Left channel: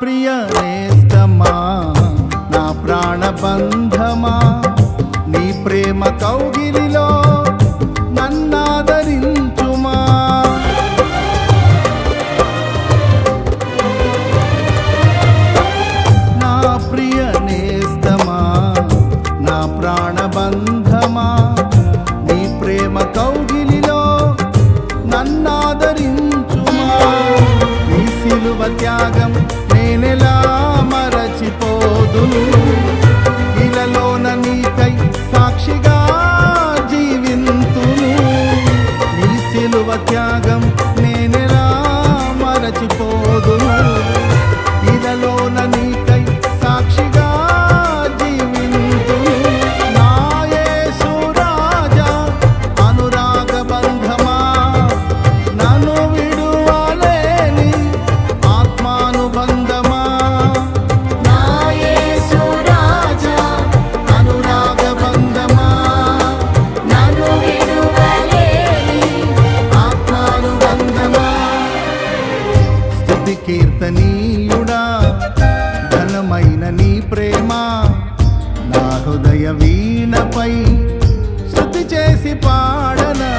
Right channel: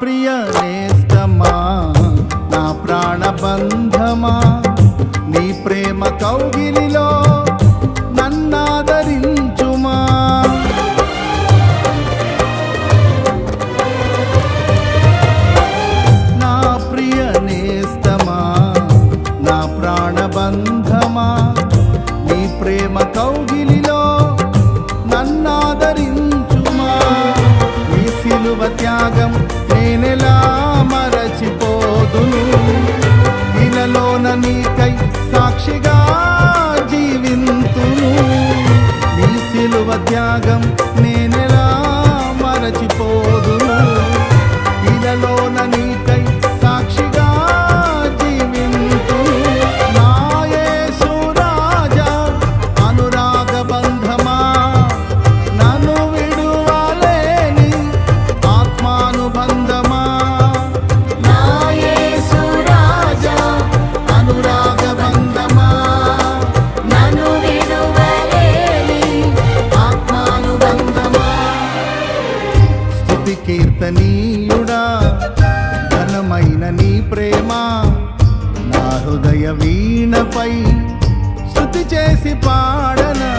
ప్రియ నేస్తమా, నా ప్రాణబంధమా, నీ ప్రేమ కౌగిలిలో నన్నాదరించుమా. నా ప్రియ నేస్తమా, నా ప్రాణబంధమా, నీ ప్రేమ కౌగిలిలో నన్నాదరించుమా. నీ సిలువ త్యాగం నేనెలా మరచిపోదును, ఇలలోన నీకై సాక్షిగా జీవింతును. నీ సిలువ త్యాగం నేనెలా మరచిపోదును, ఇలలోన నీకై సాక్షిగా జీవింతును. నా యేసు రాజా అనురాగ బంధమా, నన్ను విడువలేని ఆత్మానుబంధమా. నా యేసు రాజా అనురాగ బంధమా, నన్ను విడువలేని ఆత్మానుబంధమా. స్తుతి కీర్తనీయుడా, ఘనమైన నీ ప్రేమ నా హృదయ వీణపై స్తుతి చేసి పాడనా.